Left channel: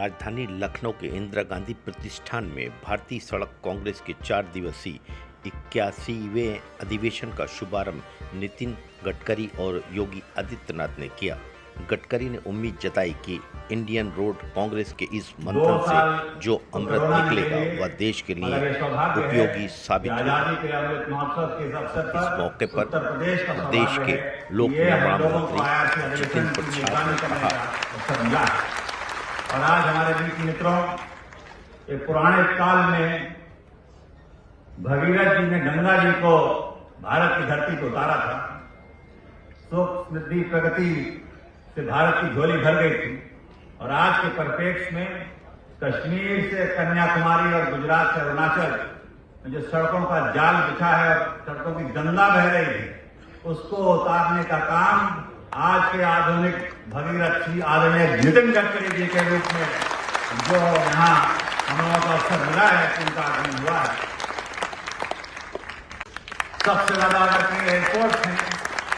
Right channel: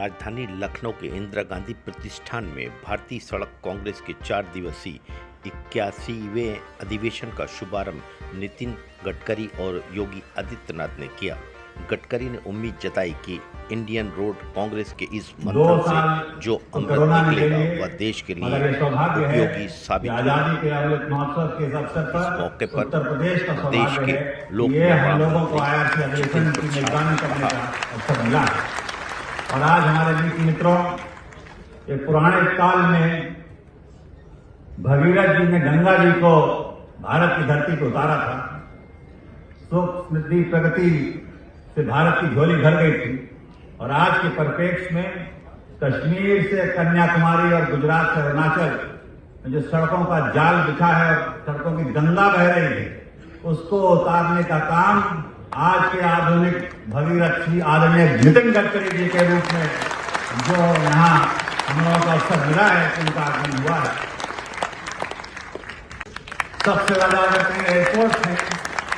राजधानी लखनऊ के इंदिरा गांधी प्रतिष्ठान में भारतीय सड़क कांग्रेस के 4 दिवसीय 81वें अधिवेशन का शुभारंभ नितिन गडकरी और योगी आदित्यनाथ ने किया। गडकरी ने उम्मीद जताई कि इंडियन रोड कांग्रेस के इस मंथन से जो अमृत निकलेगा वह देश के लिए उपयोगी साबित होगा। इस मौके पर प्रदेश के लोक निर्माण मंत्री जितिन प्रसाद ने कहा। और आज हमारे बीच मित्रों, एक पुराने काल में भगीरथ जी ने गंगा जी को भारत की धरती पर उतारा था। सुख समृद्धि प्रगति से भारत की झोली भर गई थी। और आज के परिप्रेक्ष्य में कश्मीर से कन्याकुमारी और गुजरात से अरुणाचल में जो सड़कों का जाल बिछा है, सड़कों की गंगा बह रही है, उसको उतारने का काम आज के आधुनिक भगीरथ जी आदरणीय नितिन गडकरी जी के रूप में जो यहाँ हम लोगों का अवसर मिला है, उनका आगमन हुआ है। सबसे ज्यादा अगर एयरपोर्ट है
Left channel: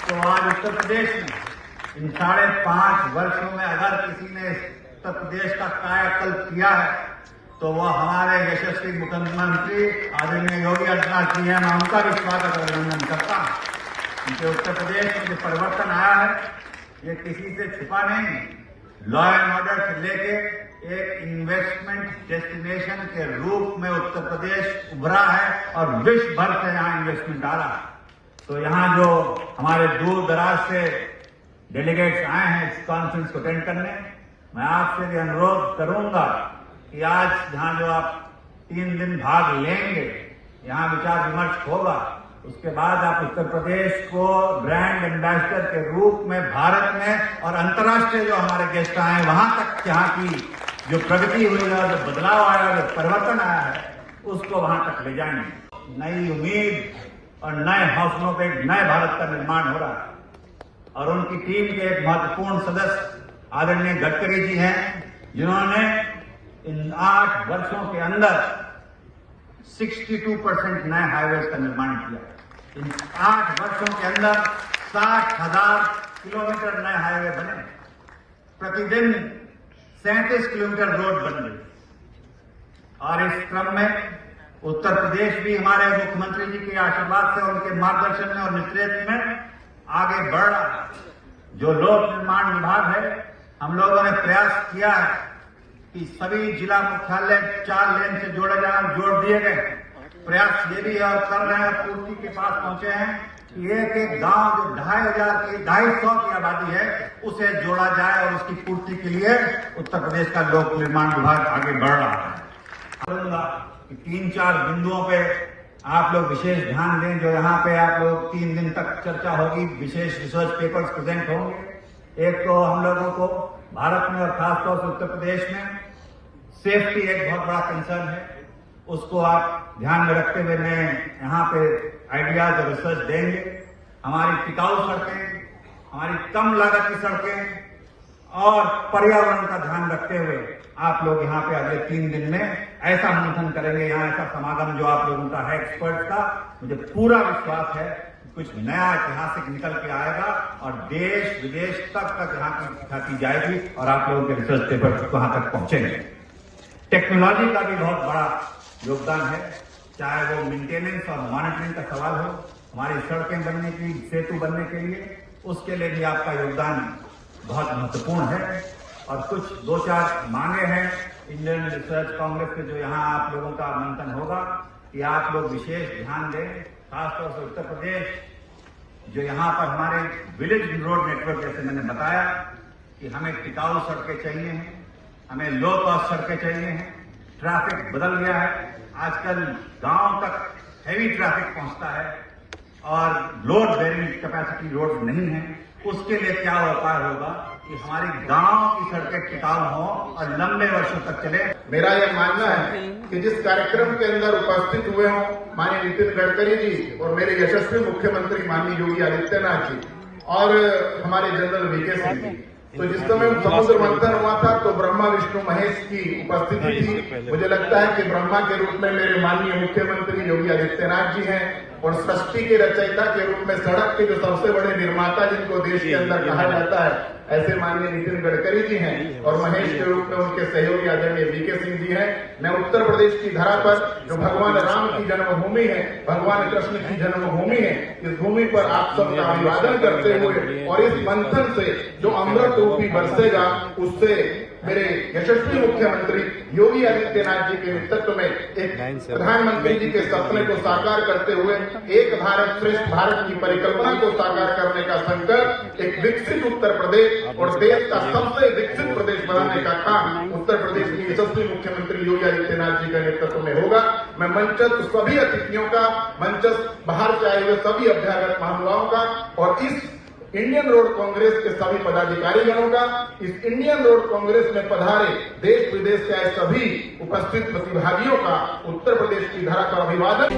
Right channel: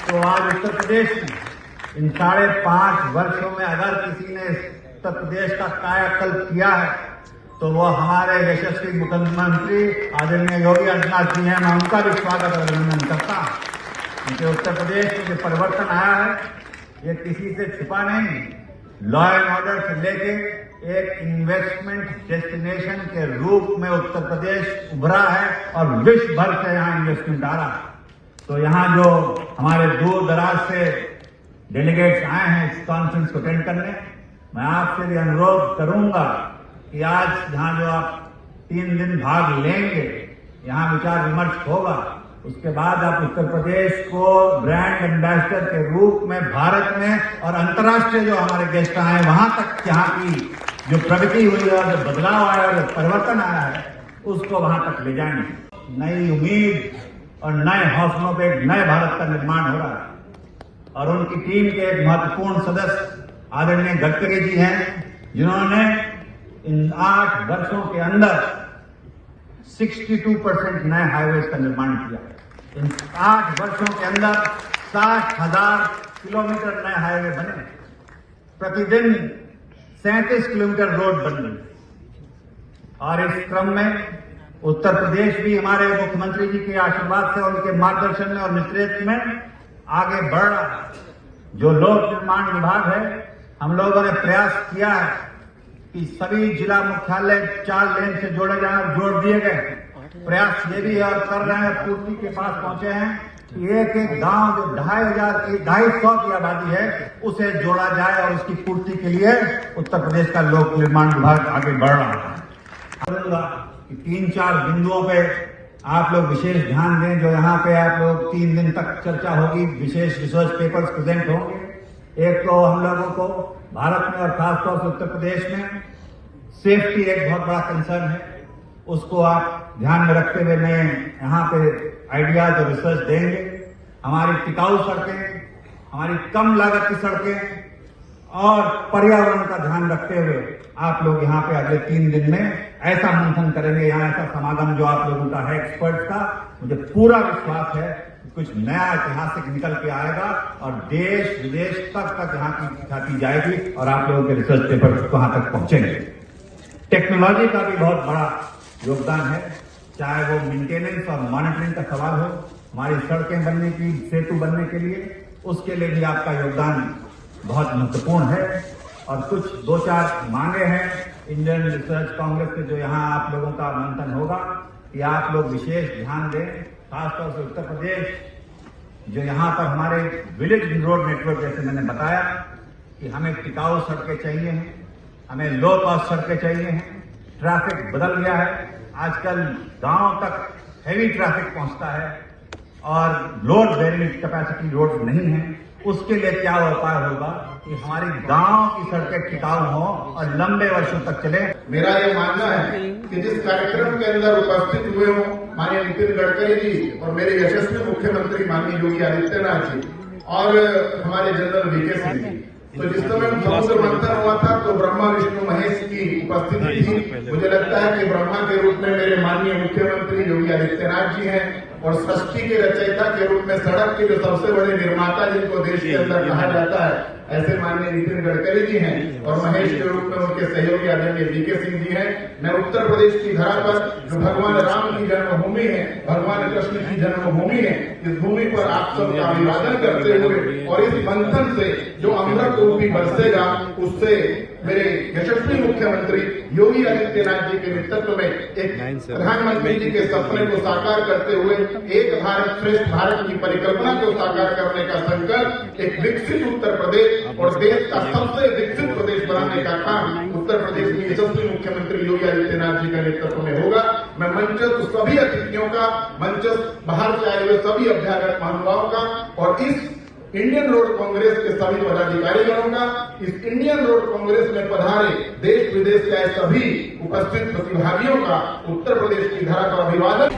तो आज उत्तर प्रदेश में इन 5.5 वर्षों में अगर किसी ने उत्तर प्रदेश का कायाकल्प किया है तो वह हमारे यशस्वी मुख्यमंत्री आदरणीय योगी आदित्यनाथ जी हैं। मैं उनका भी स्वागत और अभिनंदन करता हूं। क्योंकि उत्तर प्रदेश में जो परिवर्तन आया है ये किसी से छिपा नहीं। लॉ एंड ऑर्डर से लेके एक इन्वेस्टमेंट डेस्टिनेशन के रूप में उत्तर प्रदेश उभरा है और विश्व भर से यहाँ इन्वेस्टमेंट आ रहा है। तो यहाँ जो हमारे दूर दराज से डेलीगेट्स आए हैं इस कॉन्फ्रेंस को अटेंड करने, मैं आपसे भी अनुरोध करूंगा कि आज यहाँ जो आप 3 दिन भाग लेंगे, यहाँ विचार विमर्श होगा, उसके बाद आप उत्तर प्रदेश को ब्रांड एम्बेसडर के रूप में भारत में और अंतर्राष्ट्रीय जो हमारे गेस्ट आए हैं वहां तक यहाँ की जो प्रगति हुई है, जो बदलाव आया है, जो परिवर्तन आया है, उसको वहां तक ले जाएंगे। नई उम्मीद और नए हौसलों पे एक नए भारत का निर्माण हो रहा है। और उनकी टीम के एक महत्वपूर्ण सदस्य आदरणीय गडकरी जी हैं, जिन्होंने इन 8 वर्षों के अंदर 62% नए हाईवेज का निर्माण किया। इन 8 वर्षों के अंदर 60,000 किलोमीटर नए हाईवे बने। प्रतिदिन 37 किलोमीटर रोड बन रही। और इस क्रम में उत्तर प्रदेश भी हमारे मुख्यमंत्री जी के आशीर्वाद से, उनके मार्गदर्शन में और नेतृत्व में आगे बढ़ रहा है। जो लोक निर्माण विभाग है, हम लोगों ने प्रयास किया है कि सभी जिला मुख्यालय 4 लेन से जोड़े जाए, जोड़ दिए गए। प्रयास ये भी और कर रहे हैं, पूर्ति के पास पहुंचे हैं कि एक गांव जो 250 की आबादी है उसे जोड़ा जाए और उसकी पूर्ति के लिए उत्तर प्रदेश का लोक निर्माण विभाग आगे बढ़ रहा है। 3-4 बिंदुओं पे आप लोग विशेष ध्यान दें। जो यहाँ पे आप लोग 3 दिन तक चर्चा होगी, विशेष रिसर्च पेपर्स प्रेजेंट होंगे। एक तो हम लोगों को भारत में और खासतौर से उत्तर प्रदेश में सेफ्टी एक बहुत बड़ा कंसर्न है, उसको आप ध्यान में रखते हुए मैं यहाँ पे आइडियाज और रिसर्च देंगे। हमारी टिकाऊ सड़कें, हमारी कम लागत की सड़कें और पर्यावरण का ध्यान रखते हुए आप लोग यहाँ पे अगले 3 दिन में ऐसा मंथन करेंगे, यहाँ ऐसा समागम जो आप लोगों का है एक्सपर्ट का, मुझे पूरा विश्वास है कुछ नया ऐतिहासिक निकल के आएगा और देश विदेश तक यहाँ की दिखाती जाएगी और आप लोगों के रिसर्च पेपर वहां तक पहुंचेंगे। टेक्नोलॉजी का भी बहुत बड़ा योगदान है, चाहे वो मेंटेनेंस और मॉनिटरिंग का सवाल हो, हमारी सड़कें बनने की, सेतु बनने के लिए, उसके लिए भी आपका योगदान बहुत महत्वपूर्ण है। और कुछ 2-4 मांगे हैं इंडियन रिसर्च कांग्रेस के, जो यहाँ आप लोगों का मंथन होगा कि आप लोग विशेष ध्यान दें। खासतौर से उत्तर प्रदेश जो यहाँ पर हमारे विलेज रोड नेटवर्क, जैसे मैंने बताया कि हमें टिकाऊ सड़कें चाहिए हैं, हमें लो कॉस्ट सड़कें चाहिए हैं। ट्रैफिक बदल गया है, आजकल गांव तक हैवी ट्रैफिक पहुंचता है और लोड बेयरिंग कैपेसिटी रोड नहीं है। उसके लिए क्या उपाय होगा कि हमारी गांव की सड़कें टिकाऊ हों और लंबे वर्षों तक चले। मेरा ये मानना है कि जिस कार्यक्रम के अंदर उपस्थित हुए हों माननीय नितिन गडकरी जी और मेरे यशस्वी मुख्यमंत्री माननीय योगी आदित्यनाथ जी और हमारे जनरल वीके सिंह जी, तो जिस समय समुद्र मंथन हुआ था तो ब्रह्मा विष्णु महेश की उपस्थिति थी। मुझे लगता है कि ब्रह्मा के रूप में मेरे माननीय मुख्यमंत्री योगी आदित्यनाथ जी हैं और सृष्टि के रचयिता के रूप में सड़क के जो सबसे बड़े निर्माता जिनको देश के अंदर कहा जाता है, ऐसे माननीय नितिन गडकरी जी हैं और महेश के रूप में उनके सहयोगी आदरणीय वीके सिंह जी हैं। मैं उत्तर प्रदेश की धरा पर जो भगवान राम की जन्मभूमि है, भगवान कृष्ण की जन्मभूमि है, इस भूमि पर आप सबका अभिवादन करते हुए और इस मंथन से जो अमृत रूपी बरसेगा उससे मेरे यशस्वी मुख्यमंत्री योगी आदित्यनाथ जी के नेतृत्व में एक प्रधानमंत्री जी के सपने को साकार करते हुए एक भारत श्रेष्ठ भारत की परिकल्पना को साकार करने का संकल्प, एक विकसित उत्तर प्रदेश और देश का सबसे विकसित प्रदेश बनाने का काम उत्तर प्रदेश के यशस्वी मुख्यमंत्री योगी आदित्यनाथ जी के नेतृत्व में होगा। मैं मंचस्थ सभी अतिथियों का, मंचस्थ बाहर से आए हुए सभी अध्यापक महानुभावों का और इस इंडियन रोड कांग्रेस के सभी पदाधिकारीगणों का, इस इंडियन रोड कांग्रेस में पधारे देश विदेश से आए सभी उपस्थित प्रतिभागियों का उत्तर प्रदेश की धरा पर अभिवादन।